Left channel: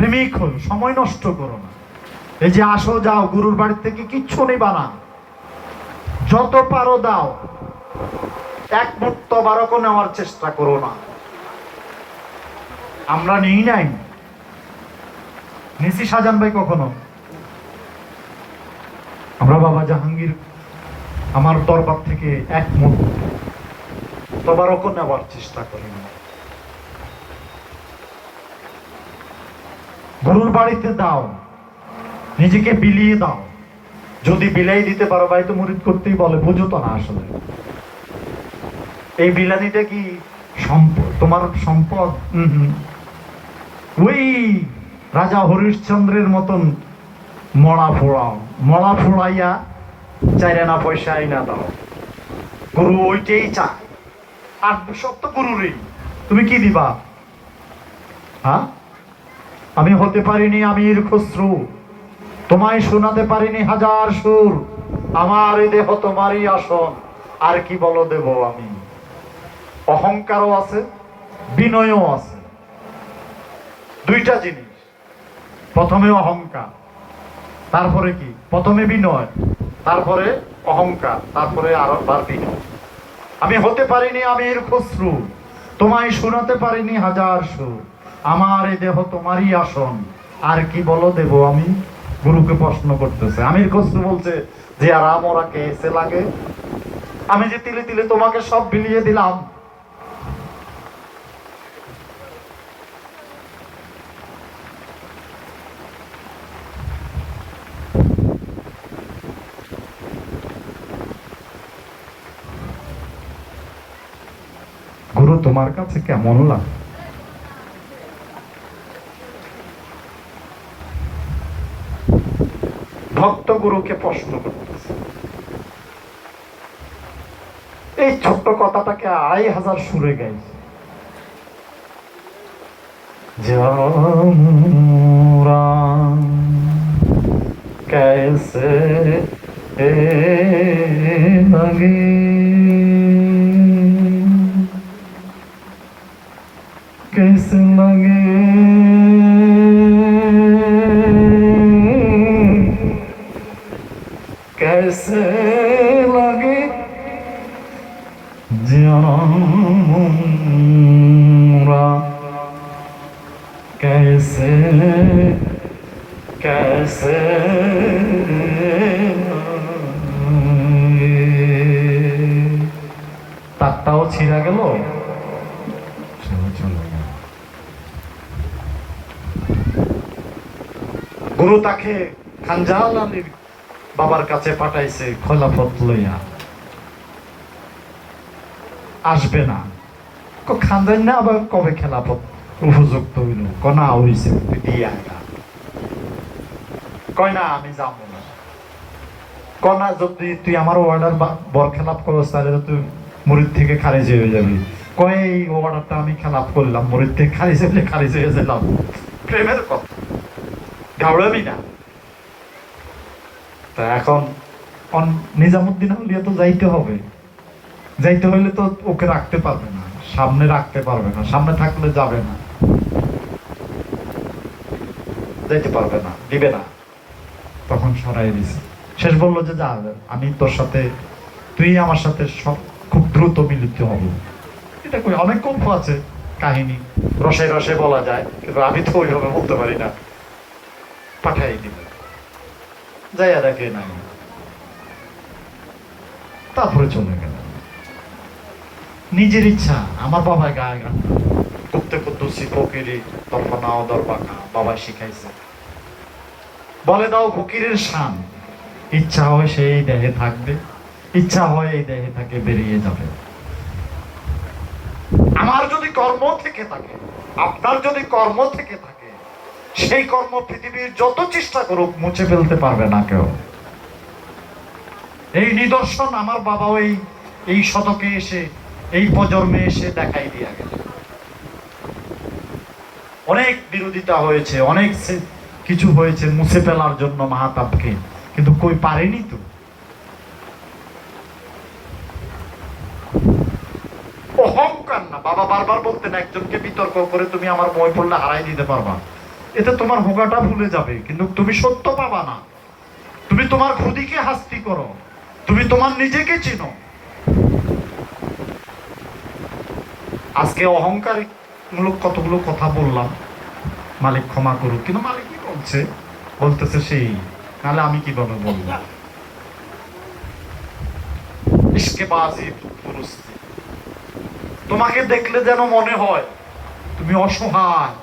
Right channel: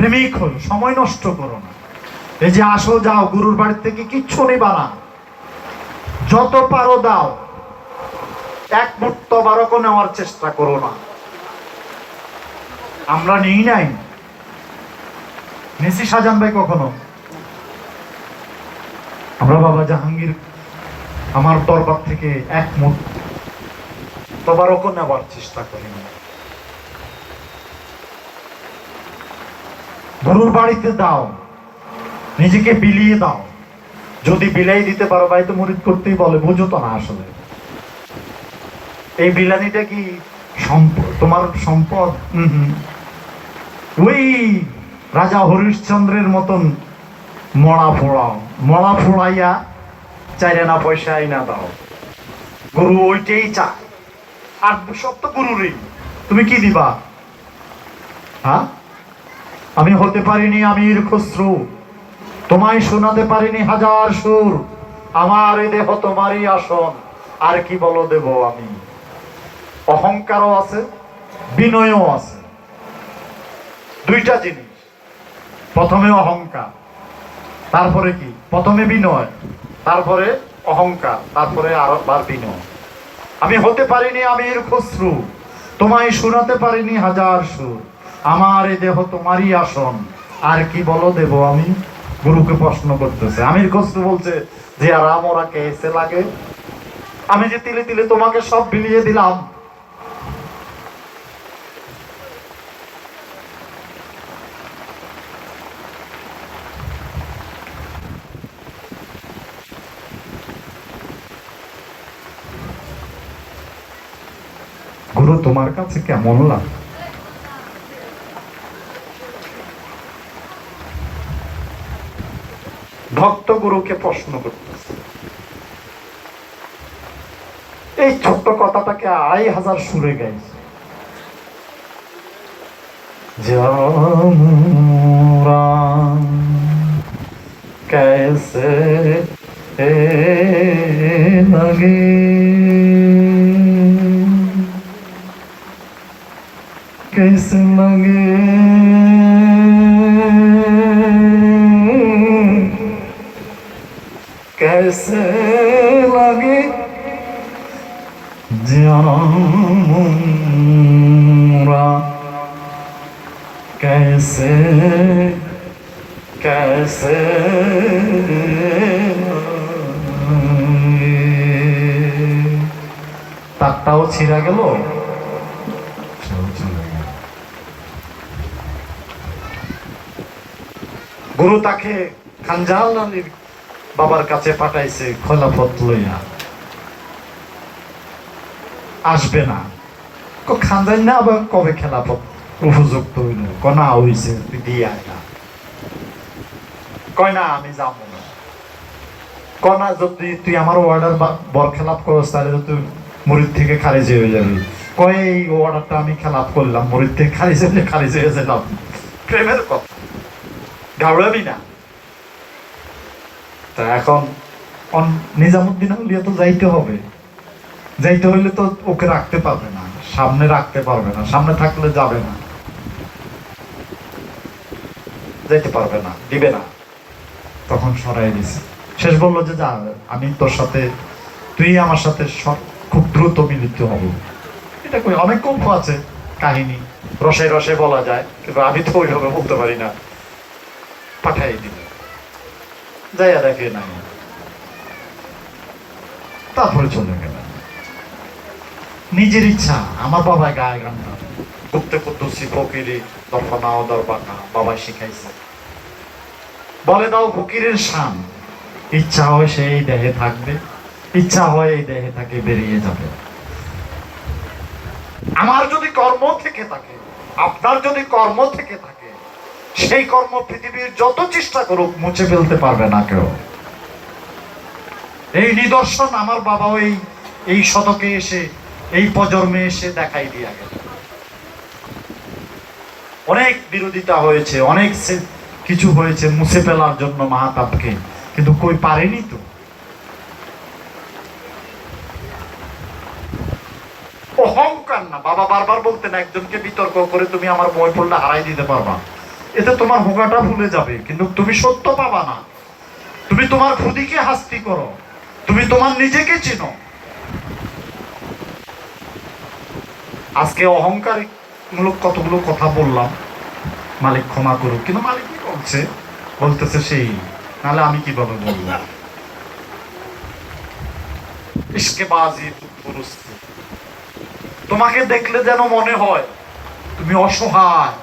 প্রেমিক হই, সময় নষ্ট করো না। এই যে আসো যাও, গুরুর বাড়ি থেকে কিচ্ছু নেবা না, যত পারো দাও, এক মুহূর্ত বারকও নেওয়ার চেষ্টা করো না। আমরা নিই নাই, নিছি শাহজাহান ভাই কখনো? আমরা বাবা জাহাঙ্গীর আমার দরবার থেকে এক মুহূর্ত তবারকও নেওয়ার চেষ্টা করি না। গুরুর বাড়িতে দাও, নিজেকে বিলিয়ে দাও। যদি বিলাই দিতে পারো, ভাই তো মুরিদ করতেই বলে, বুঝো তো না আসলে এই বিলানিটা কি সম্পদ, তোমার সম্পদ? ওই রাজা হরিশ্চন্দ্রের মতন মরা ফোড়াও, মরা ফোড়াইয়া চাইনা পয়সা আইনা দাও। গুরু ওইটাই চায়, আর সব তো গুরুরই। তুমি কি দিবা? হ্যাঁ, আমি হতে পারিনি আমির খসরু, তোমায় শোনাতে পারিনি হাজার সুর, আমার এ দেহ তোমারই আসন, আর কি বলো দেব আমি। অহংকারও আছে, বিনয়ও আছে, দুইটা জিনিস। প্রথমে অহংকার, তারপরে কি? প্রথমে বিনয়, তারপরে অহংকার, তারপরে আরেকবার বিনয়। আমি হতে পারিনি আমির খসরু, তোমায় শোনাতে পারিনি হাজার সুর, আমার এ দেহ তোমারই আসন, আর কি বলো দেব আমি। গুরুকে প্রশ্ন করতেছে। আমির খসরু বলছে যে আর আমরা কেসে লাগে, আমি যে তিলে তিলে তোমাকে সব বিলিয়ে দিলাম। গুরু তোমার কাছে কেমন লাগে? ভক্ত গুরুকে প্রশ্ন করতেছে। এই ছোট্ট কথাটাকে ২৫০০ সুরে গাইছে। আমরা कैसे लगे, कैसे लगे, कैसे लगे जाऊंगा, कैसे कैसे তারটাও ছিঁড়া গেল। গুরু তাকে খানজাহান আলীর বাবার কাছে পাঠাইছে খোলাফত লইয়া। আসবে না, খানজাহান না আবার কবে খেলাফত উপযুক্ত হইল? কনা হইছে দিয়ে আয়না, কয় না আমি যাবো না। কনা যদি তুই আমার অর্ডার বর খেলাপ করস তাহলে তুই মুরিদ থেকে খারিজ হয়ে যাবি। কয় এই অর্ডারটা আমি খেলাপ করলাম, মুরিদ থেকে খারিজ হয়ে যেতাম। প্রেমের কথা, ঘাবড়াবি না। তা এখন নিজামুদ্দিন হলিয়া তো যাইতে হবে, যাইতে হইলে তো ওকে রাখতে পারবে না, সামনে রাখতে পারবে না, সামনে থাকলে যাবে না, যেতে পারবে না, দিবে না। তখন সরাই দিছে। শেষ বললো যে যা, আমি তোর সাথে, তুই আমার সাথে খুব দ্রুত মিলিত হব। এটা কই অনেক গল্প আছে, কাহিনী রসে রসে বলা যায়, কিন্তু আমি তো ওইভাবে বলতে পারি না। পাঠাই দিবে, যাইয়া দেখে নাই, তারপরে চলে গেল। নিজের ইচ্ছা। আমার বাবা গায়ে গান করতে করতেছি, ফকিরি দরবানা দরবানা বাবা শিখাইছে। বলে দাও ফকিরের শান, ইচ্ছা হয় সে এই দেহে থাকবে, ইচ্ছা হয় এই দেহে থাকে বেরিয়ে যাবে। আমার যদি কর্ম থেকে থাকে, আপনার যদি কর্ম থেকে থাকে, সেই কর্ম পৃথিবীর যত চেষ্টা করুক মুছে ফেলতে পারবে না কেউ। এই নিদর্শন আমার বাবা এই শতকে এসে, এই প্রজন্মে এসে দেখাই দিয়া গেল। অনেক বিরোধিতা হয়েছে, অনেক কিছু হয়েছে মুছে ফেলার জন্য মাহাতাবকে, কিন্তু কই পারেনি তো। অহংকার না, বাবা বারবার বলতেন একজনকে বিতর্ক করে তুমি আমার বই পড়লে হারাই দিতে পারবা, এতে তোমার হোগাটা ভুলে যাবে, কিন্তু তুমি সত্য পাবা না। তুমি তোমার খুদিকে হাস্তি করো, তুমি তোমার নিজেকে চিনো। আজকে অহংকার মূলক কতগুলো কথা বললাম, মালিক ক্ষমা করুক, কিন্তু মালিক কি বলতেছে সেই, নাহলে আমি কিভাবে বললাম। ইশকেবাজি দুরুস্তি, তোমাকে দেখলে যেন মনে হয় তুমি অসহায়,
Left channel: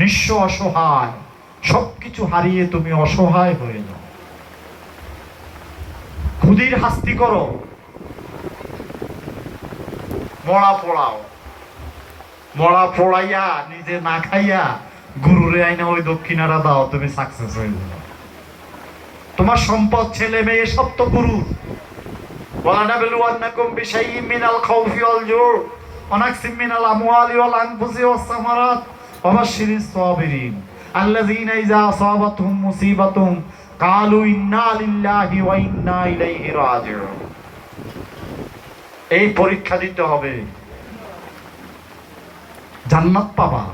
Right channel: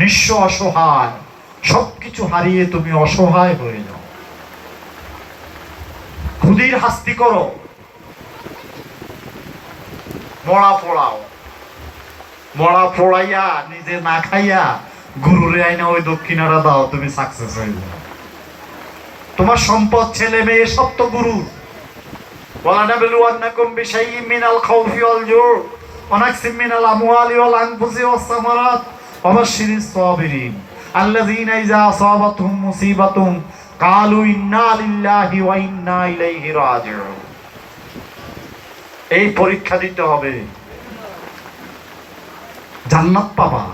নিঃস্ব অসহায়, সবকিছু হারিয়ে তুমি অসহায় হয়ে যাও। খুদির হাস্তি করো, মরা পোড়াও, মরা পোড়াইয়া নিজে না খাইয়া গুরুরে আইনা ওই দক্ষিণারা দাও, তুমি সাকসেস হয়ে যাও। তোমার সম্পদ, ছেলে মেয়ে সব তো গুরু। وَلَنَبْلُوَنَّكُمْ بِشَيْءٍ مِّنَ الْخَوْفِ وَالْجُوعِ وَنَقْصٍ مِّنَ الْأَمْوَالِ وَالْأَنفُسِ وَالثَّمَرَاتِ وَبَشِّرِ الصَّابِرِينَ الَّذِينَ إِذَا أَصَابَتْهُمْ مُصِيبَةٌ قَالُوا إِنَّا لِلَّهِ وَإِنَّا إِلَيْهِ رَاجِعُونَ। এই পরীক্ষা দিতে হবে, জান্নাত পাবা।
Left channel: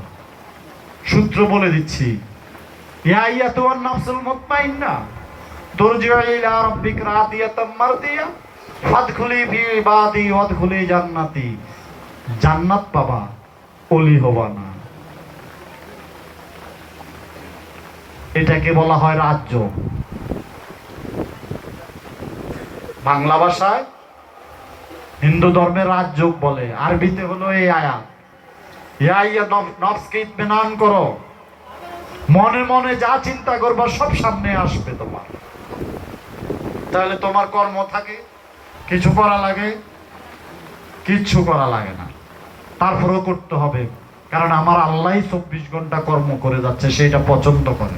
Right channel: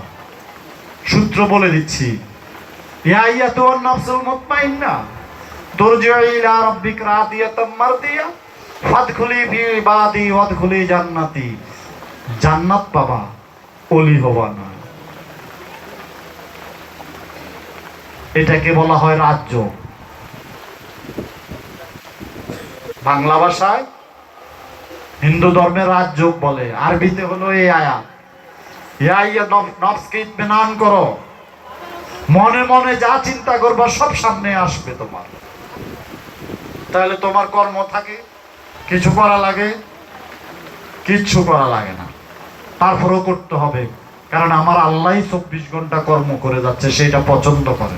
সূত্র বলে দিচ্ছি, ইয়া আইয়াতুহান নাফসুল মুতমাইন্না তুরজিউ ইলা রাব্বিকা রাদিয়াতাম মারদিয়া ফাদখুলি ফি ইবাদি ওয়াদখুলি জান্নাতি। জান্নাত পাবা, ওলি হবা না। এটাকে বলা হয় রাজ্য। বাংলা ভাষায় হিন্দু ধর্মের রাজ্য বলে, আরবিতে হলো এই আয়াত, ইয়া নফসকে ইতমিনান করো, মনে মনে যা চিন্তা করবা সব সামনে আসবে তোমার। তাহলে তোমার কর্ম থাকে, কিছু করা লাগে, কিচ্ছু করা লাগে না, তারপরেও করতে হবে, কারণ আমার আল্লাহ 24 ঘন্টা কর্ম করে যাচ্ছে, সেটা পছন্দ করে,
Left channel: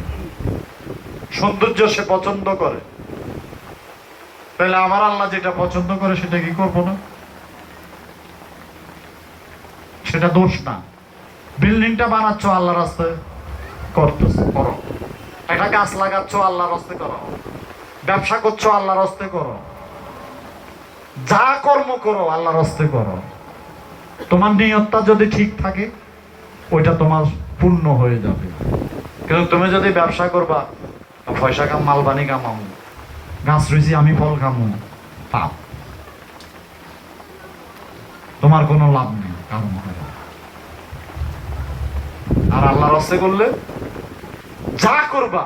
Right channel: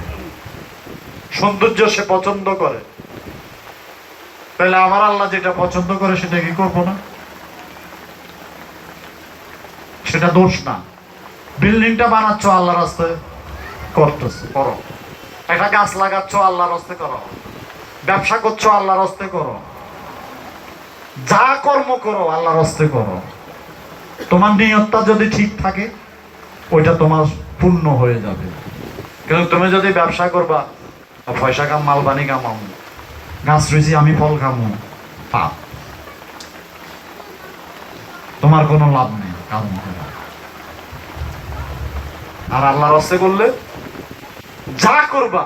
সৌন্দর্য সে পছন্দ করে। তাহলে আমার আল্লাহ যেটা পছন্দ করে সেটা কি করবো না? সেটা দোষ না। বিল্ডিংটা বানাচ্ছ আল্লাহর রাস্তায়, করতেছো, করো। একটা গাছ লাগাচ্ছ আল্লাহর রাস্তে করো, ব্যবসা করছো আল্লাহর রাস্তে করো, যা কর্ম করো আল্লাহর রাস্তে করো। তোমার নিয়তটা যদি ঠিক থাকে ওইটা তোমার পূর্ণ হয়ে যাবে। কিন্তু তুমি যদি ব্যবসা করবা, পয়সা কাম মালবানি কামাও, গাছ রয়েছি আমি ফল খামো, পাপ, তোমার কোনো লাভ নেই কাম করে। আর আল্লাহর রাস্তে করলে যা করবা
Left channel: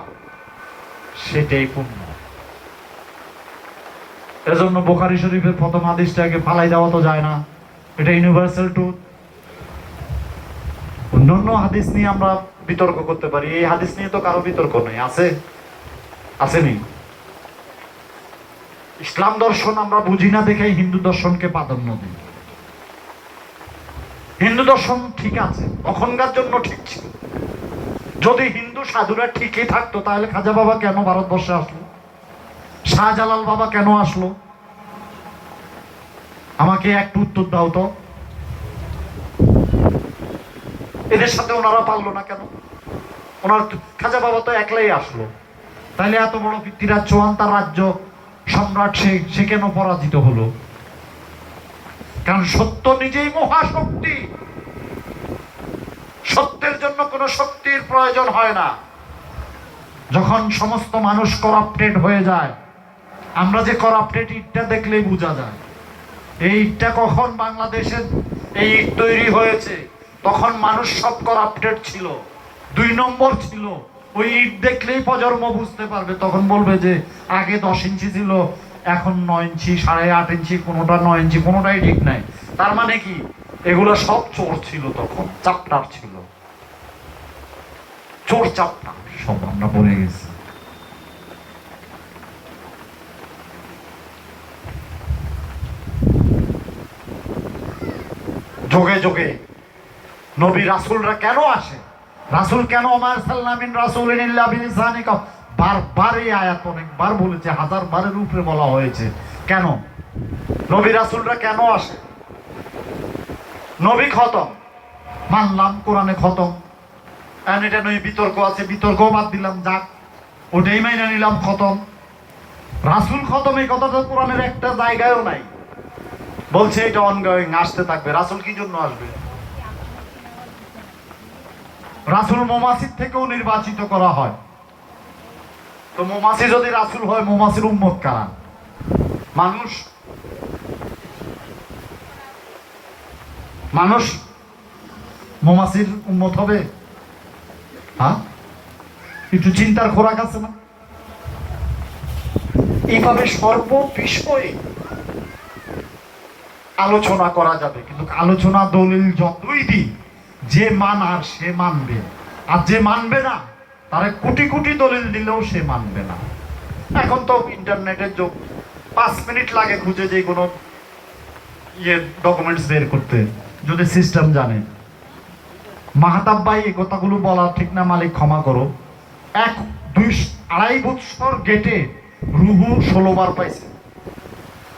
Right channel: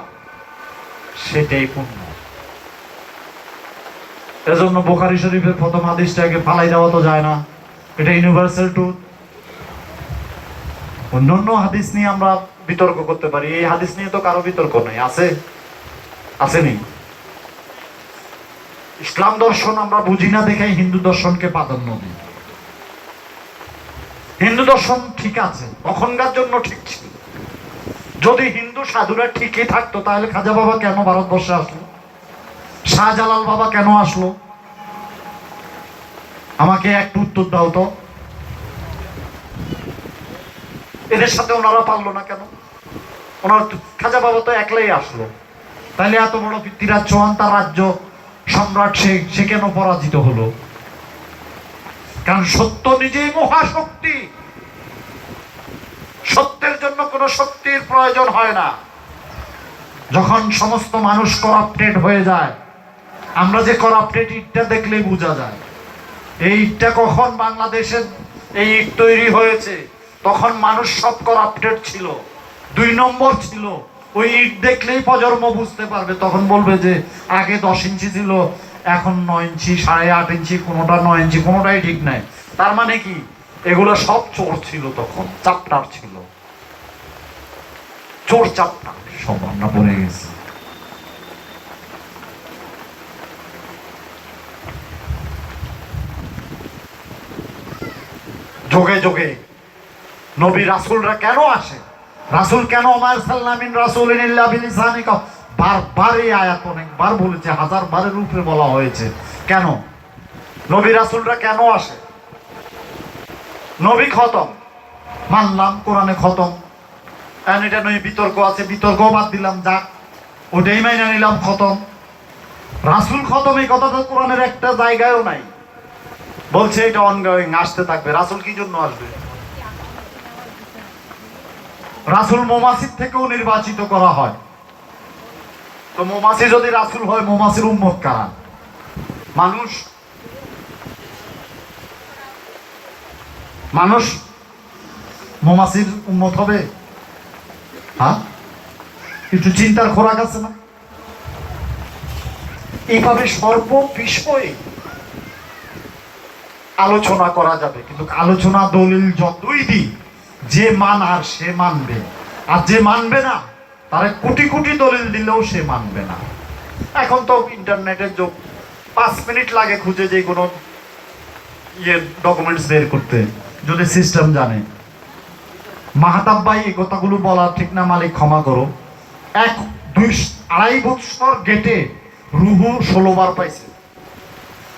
সেটাই পূর্ণ। এজন্য বুখারী শরীফের প্রথম হাদিসটাকে ফালাই দেওয়া তো যায় না, এটা ইউনিভার্সাল ট্রুথ। অন্যান্য হাদিস নিয়ে আমরা বিতর্ক করতে পারি, এই হাদিস নিয়ে তো কারো বিতর্ক নেই, আছে? আসেনি? ইসলাম দর্শন আমরা বুঝি না দেখে হিন্দু দর্শনকে প্রাধান্য দিই। হিন্দু দর্শন ঠিক আছে, তখনকার জন্য ঠিক ছিল। যদি হিন্দু সাধুরা ঠিকই থাকতো তাহলে খাজা বাবা কেন ভারতবর্ষে আসলো? শাহজালাল বাবা কেন আসলো? আমাকে একটু উত্তর দাও তো। এদের সাথে ওনারা পারলো না কেন? ওনার খাজা বাবা তো একলাই আসলো, তাহলে এত বড় পৃথ্বীরাজ চৌহান রাজ্য সম্রাট সে কেন পরাজিত হলো? কারণ সত্য নিজেই মহাশক্তি, সত্যের জন্য কোনো শক্তির প্রয়োজন হয় না। যখন সমস্ত মানুষ করাপ্টেড হয়ে যায়, আমরা যে করাপ্টেড ইটটা দেখলেই বোঝা যায়। এই ইটটা কখন বাংলাদেশের এই ইট তৈরি হয়েছে, তখন মানুষ সব করাপ্টেড ছিল, 2 নম্বর ছিল। ওই ইট দেখলেই প্রজন্ম বুঝতে পারবে, তখন বলবে যে আগে 10 ইঞ্চি ছিল, এখন 9 ইঞ্চি, 8.5 ইঞ্চি, কোনোটা 9 ইঞ্চি, কোনোটাই ঠিক নাই। তার মানে কি এগুলো সব চোর ছিল, তখন চাপটার ছিল, চোর চাপটার সব আমরা বলে গেছি। যোগে যোগে নবী রাসূলরা কেন আসে? রাসূল কেন আমার সাল্লামিন রাসূলিন ইল্লা বিলিসানিকা, বারবার এই আয়াত অনেকবার বলেছে, 1000 বারের উপরে বলা হয়েছে। কেন নবী রাসূলরা কেন আসে? নবী খতম মানলাম, কোরআনে খতম, কারণ এটা নয় বিতর্ক আছে, বিতর্ক বাদ দিলাম, যাক ওটাই মাইনে নিলাম, খতম। রাসূল খতম এই কথা তো কোরআনের একটা জায়গায়ও নাই। বলছে এটা অনগোয়িং, আসতে থাকবে। রাসূল কি জন্য আসবে? রাসূল মৌমাছির থেকেও নির্বাচিত করা হয়। তো মৌমাছি যদি রাসূল হয়, মৌমাছির উম্মত কারা? মানুষ। মানুষ মৌমাছির উম্মত হবে? হ্যাঁ, একটু চিন্তার খোরাক আছে না? এইভাবে সর্ব বিষয়ে আলোচনা করা যাবে, কিন্তু আলোচনা দলিল যতই দিই, যে মানার সে মানবে, আর যে মানবে না তারে কোটি কোটি দলিল দিলেও সে মানবে না। এখন তো ইন্টারনেটের যুগ, 5 মিনিট লাগে খুঁজে যে কোনো ডকুমেন্টস বের করতে, যদি সিস্টেম জানে। মাহতাব ভাই এই কথাগুলো বলা ঠিক না, মালিক ক্ষমা করো। 2-2.5 বছর গেটে রুহু 16 বার পাইছে।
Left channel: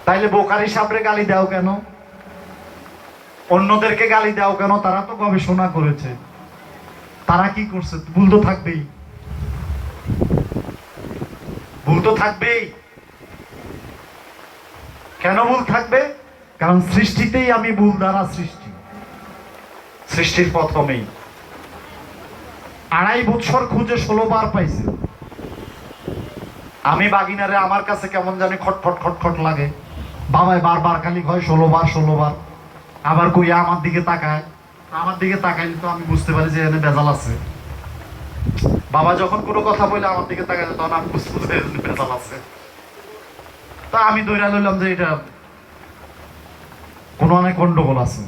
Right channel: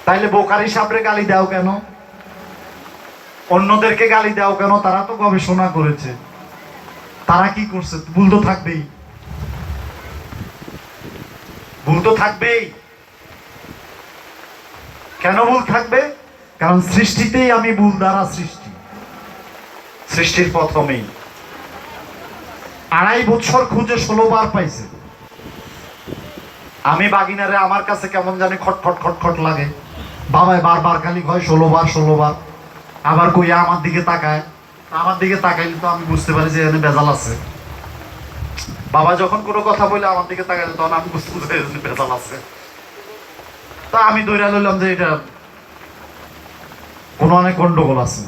তাইলে বোকারি সাহেবরে গালি দাও কেন? অন্যদেরকে গালি দাও কেন? তারা তো গবেষণা করেছে, তারা কি করছে? ভুল তো থাকবেই, ভুল তো থাকবেই। কেন ভুল থাকবে? কারণ সৃষ্টিতেই আমি ভুল দ্বারা সৃষ্টি, সৃষ্টির প্রথমেই 2.5 বছর খুঁজে 16 বার পাইছে। আমি বাগিনারে আমার কাছে কেমন জানি খটখট খটখট লাগে, বাবাই বারবার খালি হয় 16 বার 16 বার। আবার কই আমার দিকে তাকায়, আমার দিকে তাকাইলে তো আমি বুঝতে পারি যে এখানে বেজাল আছে। বাবা যখন কোনো কথা বলে আমার দিকে তাকাইলে তখন আমি বুঝতে পারি যে বেজাল আছে। তা আমি ধরে লইলাম যে এটা কোনো অনেক গন্ডগোল আছে।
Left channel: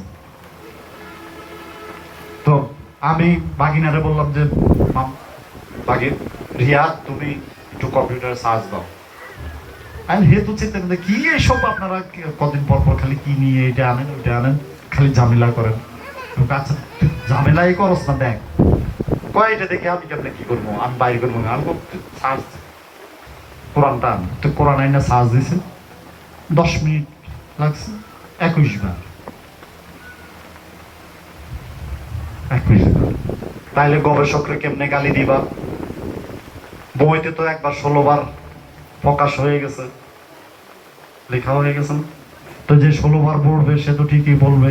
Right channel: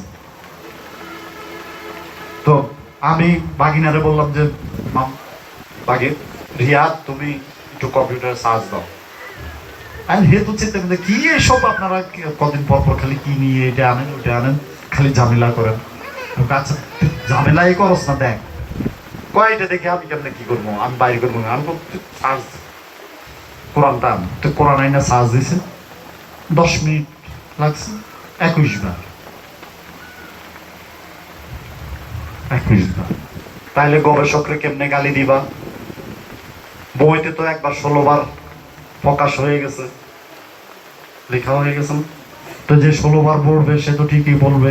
তো আমি বাগিনারে বললাম যে বাগিন রিয়া, তুমি একটু কম্পিউটার চার্জ দাও। আর হে তো চিন্তা করতে, কি এসব আপনারা কদিন পর পর খালি কি নিয়ে এটা আনেন ওইটা আনেন, খালি ঝামেলা করেন। আচ্ছা ঝামেলাই করস না, দেখ কয়টা দেখে আমি কেমন কি করবো, আমি বাইরে করবো না। আমি চার্জ কোরআনটা আন, তো কোরআন আইনা চার্জ দিছে, 10 মিনিট লাগছে, 21 বার। 21 বার। তাইলে গবেষকরা কেমনে গালি দিবা? বইতে তো একবার 16 বার প্রকাশ হয়ে গেছে, লেখা হয়ে গেছে। তো যে 16 বার পড়বে সে তো ঠিকই বলবে